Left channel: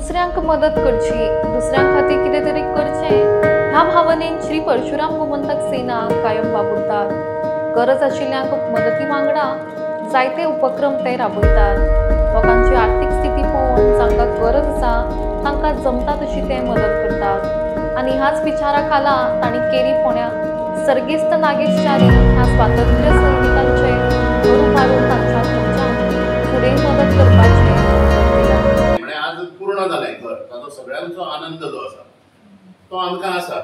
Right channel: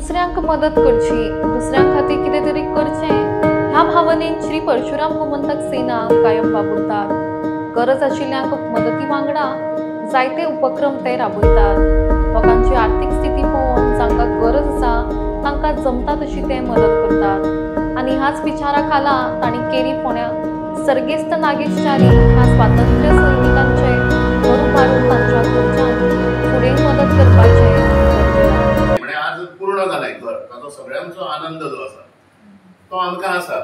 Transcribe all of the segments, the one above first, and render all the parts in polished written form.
दुसऱ्यांक मदत करची, दुसऱ्यां खातीर कितें तरी करचें ह्या भावनेन श्री परशुराम गोमंतक सेना कायम वावुरतात. गरज आशिल्ल्यांक मदती वांगडा जायते उपक्रम ते राबयतात. लोकांची आर्थीक स्थिती पळोवन जांकां गरज आसा तांकां जमता तशी ते मदत करतात. आनी ह्याच विचारा खाला तांणी केरी फोंड्या सर्गेस्त नागेशचारी ह्या स्वातंत्र्य सैनिकांचे घर उबारून तांच्या घरच्यांक फुडें मदत करपाचें उतर दिलां. म्हणजे आज पूर्ण जालें घर, ताचो सगळ्यांचो आनंद जो आसा तो आमकां आसा.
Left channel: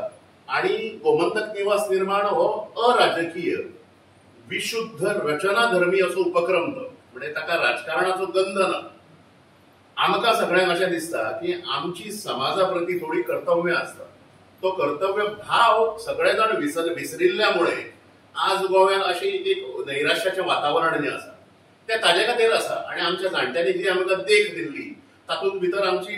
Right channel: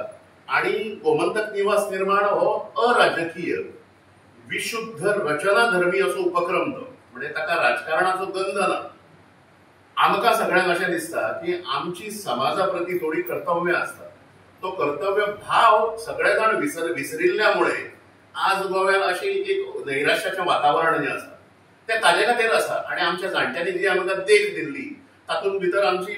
आणि गोमंतक निवास निर्माण हो अराजकीय विशुद्ध रचनाधर्मी असो उपक्रम तो, म्हणजे ताका राजकारणाचो गंध ना. आमकां सगळ्यांक अशें दिसता की आमची समाजा प्रती थोडी कर्तव्य आसता. तो कर्तव्य भाव सगळे जाण विसरिल्ल्यामुळे आज गोव्यात अशी एक नैराश्याचें वातावरण जें आसा तें ताजे खातीर आसा. आणि आमच्या जाणट्यांनी जी आमकां देख दिल्ली तातूंत भितर आमची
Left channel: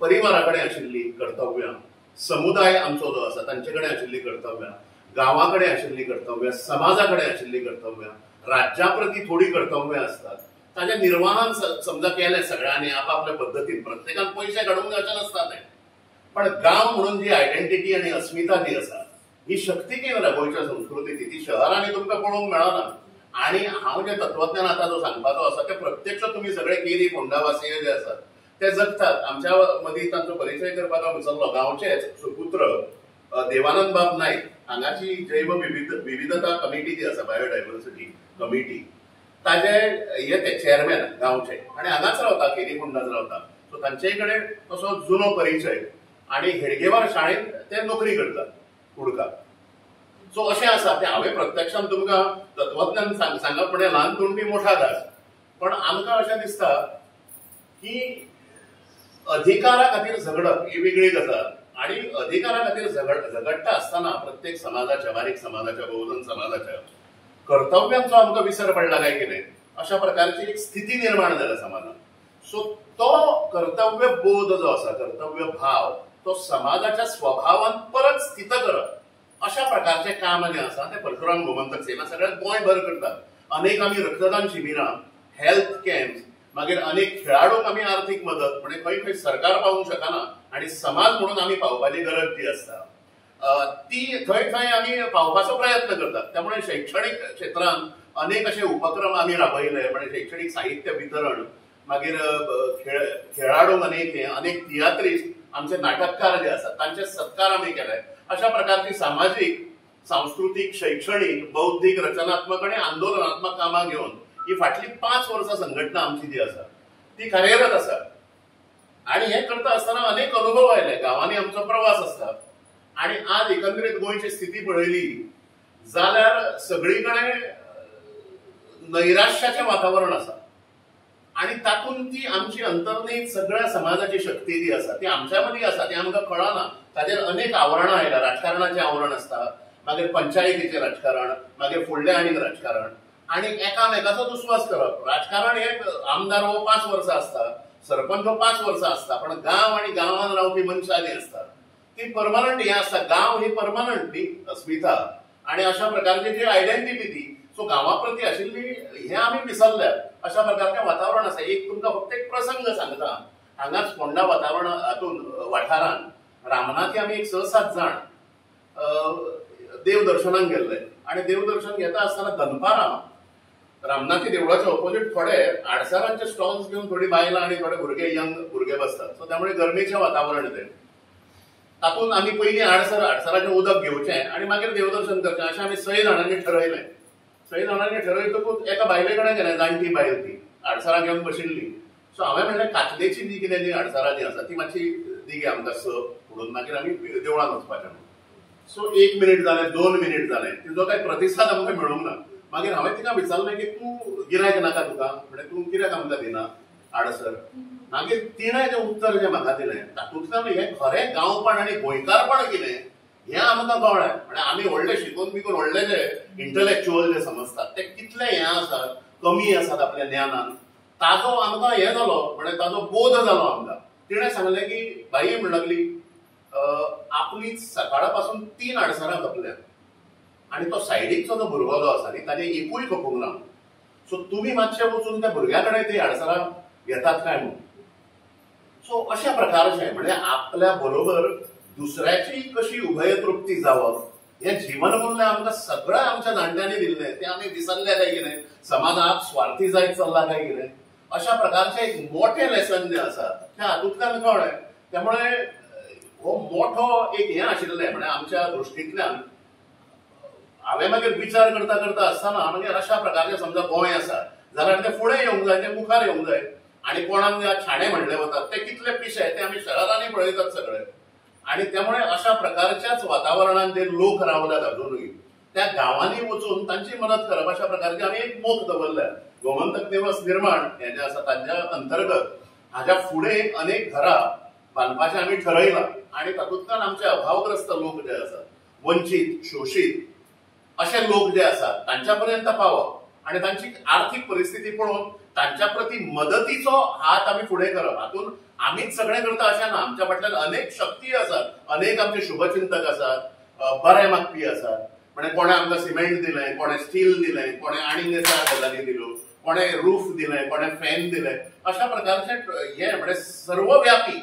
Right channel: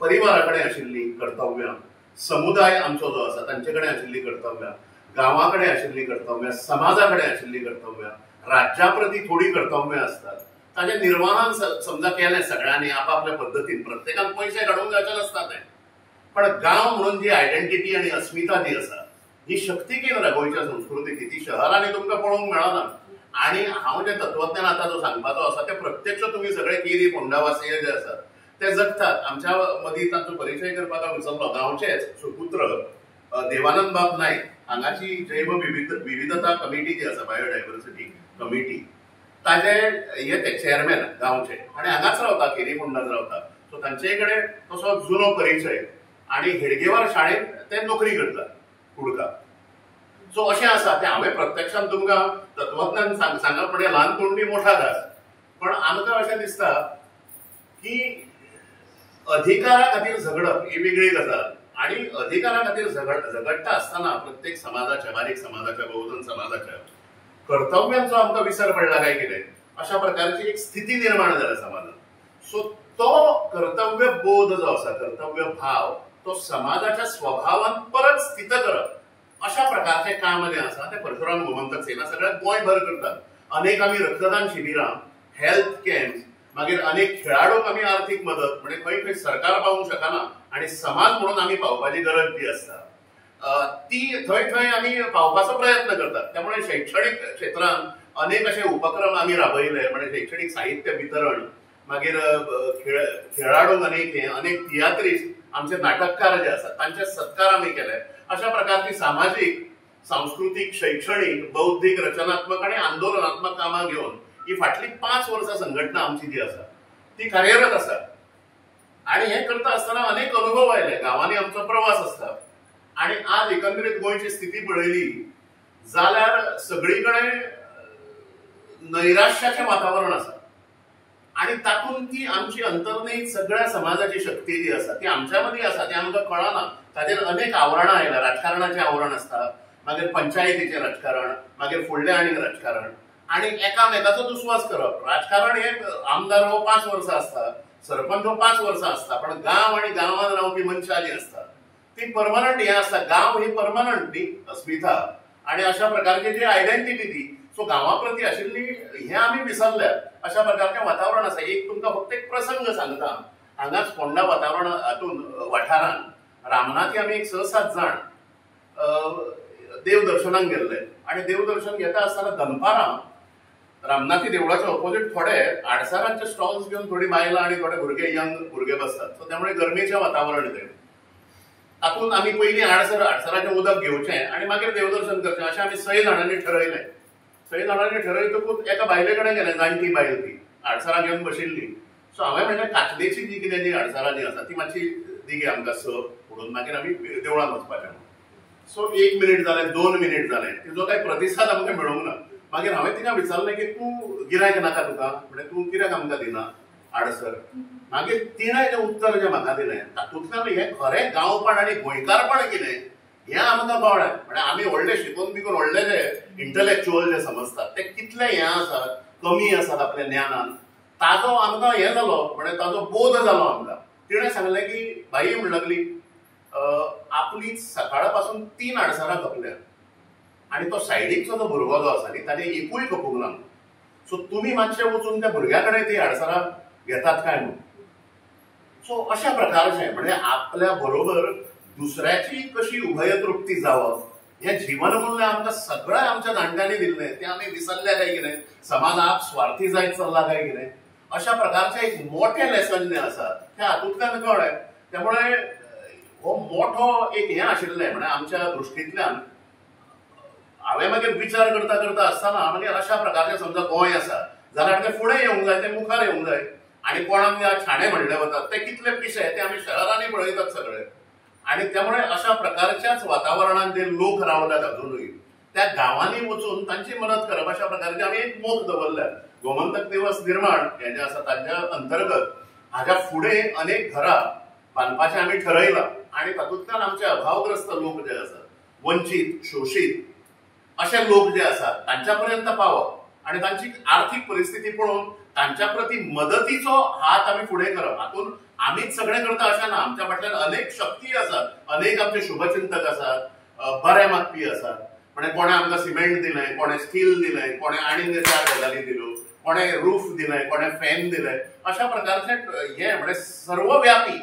परिवारा कडेन आशिल्ली कर्तव्यां, समुदाय आमचो जो आसा तांचे कडेन आशिल्ली कर्तव्यां, गांवा कडेन आशिल्ली कर्तव्यां, समाजा कडेन आशिल्ली कर्तव्यां, राज्या प्रती थोडी कर्तव्यां आसतात. ताजे निर्वाहन समजा केलें सगळ्यांनी आपापल्या पद्दतीन, प्रत्येकान पयशे काडूंक जावचे नसता तें. पण गांव म्हणून जी आयडेंटिटी आनी अस्मिता जी आसा ही शक्ती केंद्र गोंयच्या संस्कृतीची, ती शहरांनी तुमकां पळोवंक मेळना. आणि हांव जे तत्वज्ञान आतां जो सांगपाचो आसा ते प्रत्यक्ष तुमी सगळे केरी फोंडावासीय जे आसात ते जगतात. आमच्या मदीं तांचो परिचय करपाक हांव विसरलो. गांवचेच सुपुत्र देवानंद बाब नायक हांगाची जैव विविधता कमिटी जी आसा, बायोडायवर्सिटी कमिटी, ताजे हे ते चेअरमॅन गांवचे आणि हांगाच रावता, केरी फोंडाच रावता. सो तांचे कडेन तसो जुनो परिचय. आणि हेडगेवार शाळेंत ते नोकरी करतात कुडका. सो अशें आसा तें हांवें प्रत्यक्षान तुमकां तत्वज्ञान सांगप म्हणजे ल्हान तोंडी मोठा घास. पण आमकां अशें दिसता की अधिकारा खातीर झगडप ही वेगळी गजाल. आणि अधिकारा खातीर झगडटा आसतना प्रत्येक समाजाच्या, बारीक समाजाच्या, बहुजन समाजाच्या कर्तव्यांचो आमकां विसर पडला काय कितें अशा प्रकारची एक स्थिती निर्माण जाल्या समाजात. सो तो कर्तव्य बोध जो आसा, कर्तव्य भाव, तो समाजाच्या स्वभावान परत स्थित करप अशा प्रकारचे काम जे आसा ते परशुराम गोमंतक सेना सगळ्यात गोंयभर करतात. अनेक आमी रक्तदान शिबिरां, हेल्थ कॅम्प्स, मागीर अनेक खेळाडूंक आमी आर्थीक मदत, म्हणजे खंय खंय सरकार पावूंक शकना आणि समाज म्हणून आमी पावपाची गरज जी आसता ती थंय थंय आमी पावपाचो प्रयत्न करतात. त्यामुळे शैक्षणिक क्षेत्रांत अनेक असे उपक्रम आमी राबयले. म्हणजे शैक्षणिक साहित्य वितरण, मागीर खेळाडूंक अनेक तियात्रिस्ट, आमचे नाटककार जे आसात तांचे सत्कार आमी केले. अशा प्रकारची सामाजिक, सांस्कृतिक, शैक्षणिक, बौद्धिक, रचनात्मक आणि आंदोलनात्मक कामां घेऊन ही फाटली 5 वर्सां संघटना आमची जी आसा ती कार्यरत आसा. आणि हे करता आसतना अनेक अनुभव आयले. गांवांनी आमचो प्रवास आसता. आणि आज एकंदरीत गोंयची स्थिती पळयली जाल्यार सगळीकडे नैराश्याचें वातावरण आसा. आणि तातूंत ती आमची अंतर्निहित सगळ्या समाजाची शक्ती जी आसा ती आमच्या मदीं आसा, ती आमकां कळना. ताचेर अनेक आवरणां आयल्या. राजकारणाचें आवरण आसता, मागीर पंचायतीचें राजकारण, मागीर फुडलें आनीक राजकारण, आणि एकामेकाचो दुस्वास करप. राजकारण हे आमदार हो 5 वर्सां आसता, सरपंच हो 5 वर्सां आसता, पण गांव आणि गांवांत रावपी मनशां जी आसता ती परमनंट हे आसता. गांव ही परमनंट न्ही अस्मिता आणि अशा प्रकारची जी आयडेंटिटी ती सो गांवा प्रती आशिल्ली हे आमी विसरल्यात. अशा प्रकारचें वातावरण आसा. एक तुमकां फक्त एक प्रसंग सांगता. हांगाच फोंडा वातावरण हातून वाठारांत रामनाथी आमी एक 6-7 जाण देवदर्शनाक गेल्ले. आणि देवदर्शन घेता आसतना दनपारां रामनाथी देवळाच्या ऑपोजिट थोडे आडसारांचे स्टॉल्स घेवन थोडी बायलां आणि थोडे भुरगे, यंग भुरगे बसतात. सो त्यामुळे गरमेचें वातावरण तें. तातूंत आमी पयलीं आडसराचें उदक घेवचें आणि मागीर देवदर्शन करचें अशें आमी 6 जाणांनी ठरयलें. 6 जाणांनी ठरयतकूच एका बायले कडेन गेलें. जाणटी बायल ती आडसरां घेवन बशिल्ली. सो हांवें म्हणलें कातलेची जी कितें जी आडसरां जी आसा ती मातशी दी गे आमकां 6 म्हणून, मागीर आमी देवळांत वचपाचें म्हणून. सो 1 मिनीट जालें, 2 मिनीट जालें, तिजो कांय प्रतिसाद आमकां मेळूंक ना. मागीर हांवें तिका विचारलें की तूं गिरायक नाका तुका, म्हणजे तूं कित्याक आमकां दिना आडसर. मागीर तिणें जें उत्तर जें म्हाका दिलें तातूंतल्यान हें खरें गांवपण आनी गोंयकारपण कितें हें आमकां कळ्ळें. म्हणजे आमी व्हडले शिकून बिकून व्हडले जे इंटलेक्च्युअल जे समजतात ते कितले हें आसात, कमी आसात आपल्या ज्ञानान, ताजो आमकां हें जालो, म्हणजे ताजो बोध जालो आमकां. तिणें सांगलें की बाई म्हणूंक लागली आपली सकाळ पासून 3 आडसरां खपल्यात आणि तो सायडीकचो जो भुरगो जो आसा न्ही ताणें एकूय खपूंक ना. सो तुमी मातशें वचून त्या भुरग्या कडेन ती आडसरां घेतात काय म्हणून. सो अशा प्रकारचे म्हणजे आपल्या बरोबर दुसऱ्याची कशी उभयतृप्ती जावं हे जीवनमूल्य आमकां सगळं आमच्या जाणट्यांनी दिल्लें ते आमी विसरले काय कितें, समाजाक स्वार्थी जायत चल्ला काय कितें, अशा प्रकारचे एक मोठे लेसन जे आसा ते हातूंतल्यान कळ्ळें. त्यामुळे हो मोठो एक हें आशिल्लें म्हणजे आमच्या दृश्टींतल्यान हांवें मागीर विचार करता करता आसतना मागीर अशा प्रकारचे समजा गोंय आसा जाल्यार ते फुडें येवंक जाय, ते मुखार येवंक जाय. आणि कोणाक ठाणे म्हणले वतात ते कितले पिशे ते आमी शहरांनी पळयतात सगळे. आणि त्यामुळे अशा प्रकारच्याच वातावरणात जे लोक रावल्यात अजूनही त्या गावांनी वचून तांची मदत करप अशा प्रकारचे आमी एक मोख दवरल्या. गोमंतक दिवस निर्माण हे जे आसा ताच्या अंतर्गत हाच्या फुडें अनेक घरां बांदपाचें आमी ठरयलां आणि तातूंतल्यान आमचे अभावग्रस्त लोक जे आसात, वंचित शोषीत असे लोक जे आसात तांच्या पर्यंत पावप आणि तांची आर्थिक परिस्थिती पळोवन तांच्या प्रती मदतीचो हात आमी फुडें करप. हातून आमीच सगळें करता अशें ना, आमच्या फाटल्यान अनेक शक्ती आसात, अनेक आमचे शुभचिंतक आसात, बरे मागपी आसात. म्हणजे कोणे आमकां सिमेंट दिलें, कोणे स्टील दिलें, कोणे आनीक 4 गजाली दिल्यो, कोणे रूफ दिलें, कोणे फॅन दिले. अशा प्रकारचे हे म्हणजे सर्वव्यापी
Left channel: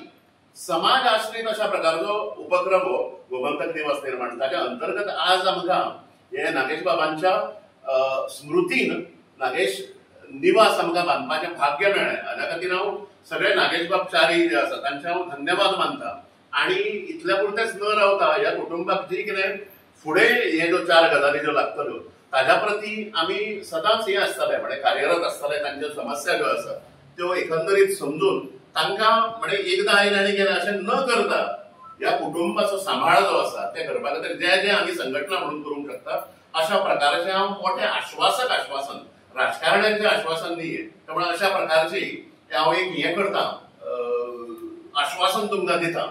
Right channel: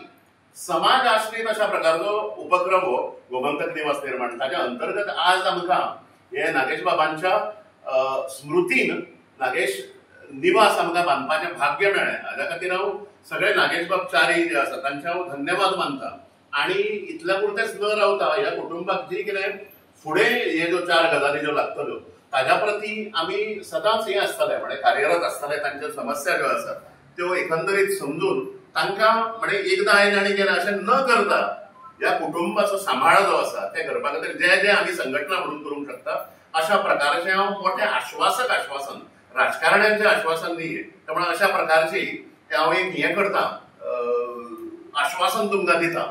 समाज आश्रीत अशा प्रकारचो उपक्रम हो गोमंतक दिवस निर्माण. ताच्या अंतर्गत आज आमकां हे नागेश बाबांच्या स्मृतीन नागेश निवास आमकां बांदपाचें भाग्य मेळ्ळें. हाज्या खातीर हांव सगळे नागेश बाब च्यारी जे आसा तांचे हांव धन्यवाद मानता. आणि इतल्या पुरतेच न रावता ह्या कुटुंबाक जी कितें फुडें हे ज्यो 4 गजाली ज्यो लागतल्यो ताज्या प्रती आमी सदांच हे आसतले म्हणजे कार्यरत आसतले. तांच्यो समस्या ज्यो आसात त्यो एकंदरीत समजून तांकां म्हणजे एकदां आयन आनी गेलें अशें न करता ह्या कुटुंबाचो सांबाळ जो आसा ते करपा खातीर जे जे आमी संघटना म्हणून करूंक शकता अशा प्रकारचें हांव मोठें आश्वासन राजकारण्यांचें आश्वासन न्ही. त्यामुळे अशा प्रकारची हांव एक हें करता, आश्वासन तुमकां दिता